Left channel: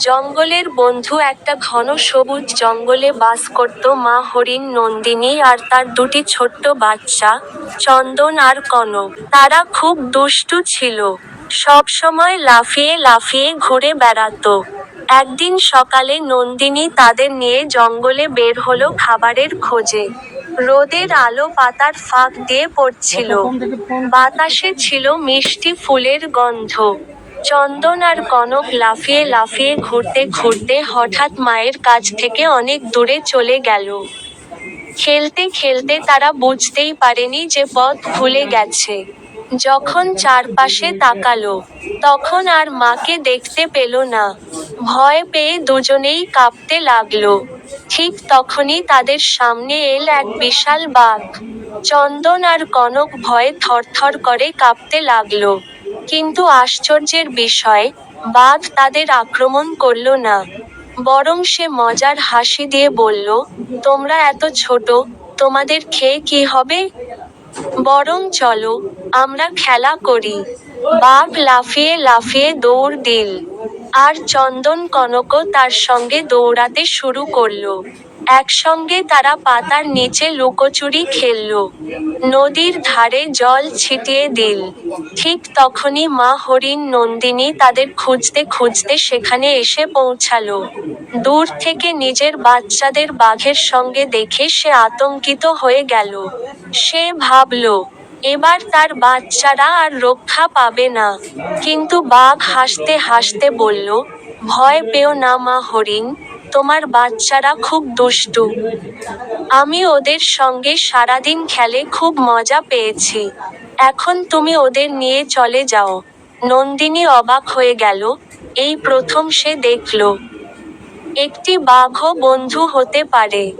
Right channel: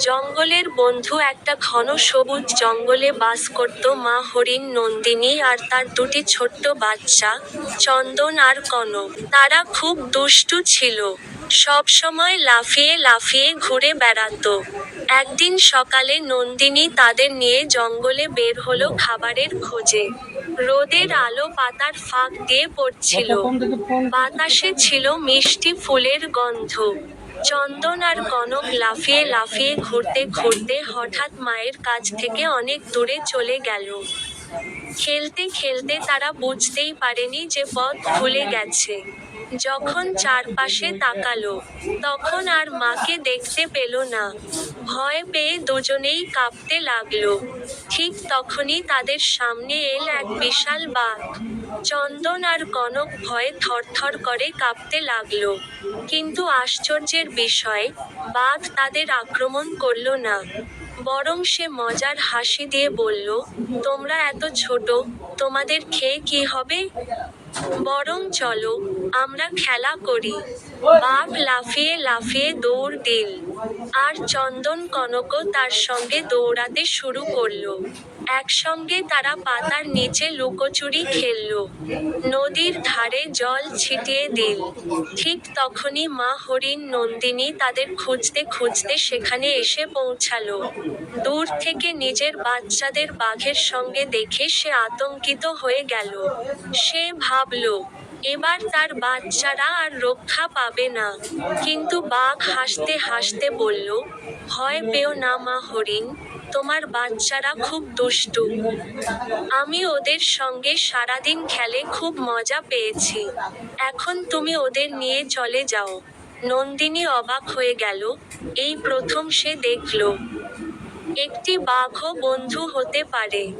জঙ্গলের বন্ধু একটা ঘন সবুজ জঙ্গলে বাস করত মা হরিণ নন্দিনী আর তার দুটি ছোট্ট বাচ্চা, চন্দন আর কনক। তারা খুব দুষ্টু ছিল। সবসময় লাফিয়ে লাফিয়ে ঘুরে বেড়াতো। একদিন সকালে নন্দিনী তাদের নিয়ে জঙ্গলে বের হলো খাবারের খোঁজে। রোদের আলো পাতার ফাঁক দিয়ে পড়ছিল। বাতাসে ছিল মিষ্টি ফুলের গন্ধ। চন্দন আর কনক লাফিয়ে লাফিয়ে ঘুরতে ঘুরতে হঠাৎ মায়ের কাছ থেকে অনেক দূরে চলে গেল। খেলতে খেলতে তারা বুঝতেই পারেনি যে পথ ভুলে গেছে। যখন চারপাশে তাকালো, তখন আর মাকে দেখতে পেল না। ভয় পেয়ে দুজনেই কাঁপতে লাগল। ঠিক তখনই তাদের সামনে এল এক বিশাল বাঘ। চন্দন আর কনক ভয়ে থরথর করে কাঁপতে লাগল। কিন্তু আশ্চর্যের বিষয় বাঘ তাদের আক্রমণ করল না। বরং সে মজার হাসি দিয়ে বলল, তোমরা এত ছোট, তোমাদের খেয়ে কি হবে? বরং চলো, আমরা খেলা করি। বাঘ লাফিয়ে লাফিয়ে দৌড় দিল। আর চন্দন কনকও তার সঙ্গে দৌড়াতে শুরু করল। একসঙ্গে তারা পাতার নিচে লুকোচুরি খেলল। নদীর ধারে জল ছিটিয়ে দিল। ঠিক তখনই মা হরিণ নন্দিনী তাদের খুঁজতে খুঁজতে সেখানে এসে পৌঁছালো। দূর থেকে নিজের বাচ্চাদের বাঘের সঙ্গে দেখে সে আতঙ্কিত হয়ে গেল। সে ভাবল এবার তার বাচ্চারা আর রক্ষা পাবে না। কিন্তু বাঘ হাসতে হাসতে বলল, ভয় পেও না মা হরিণ, তোমার বাচ্চারা খুব দুষ্টু। আমি ওদের সঙ্গে সারাদিন খেলে খুব মজা পেয়েছি। এখন তুমি ওদের নিয়ে চলে যাও। নন্দিনী অবাক হয়ে গেল, এই প্রথম সে দেখল। একটি বাঘও বন্ধু হতে পারে।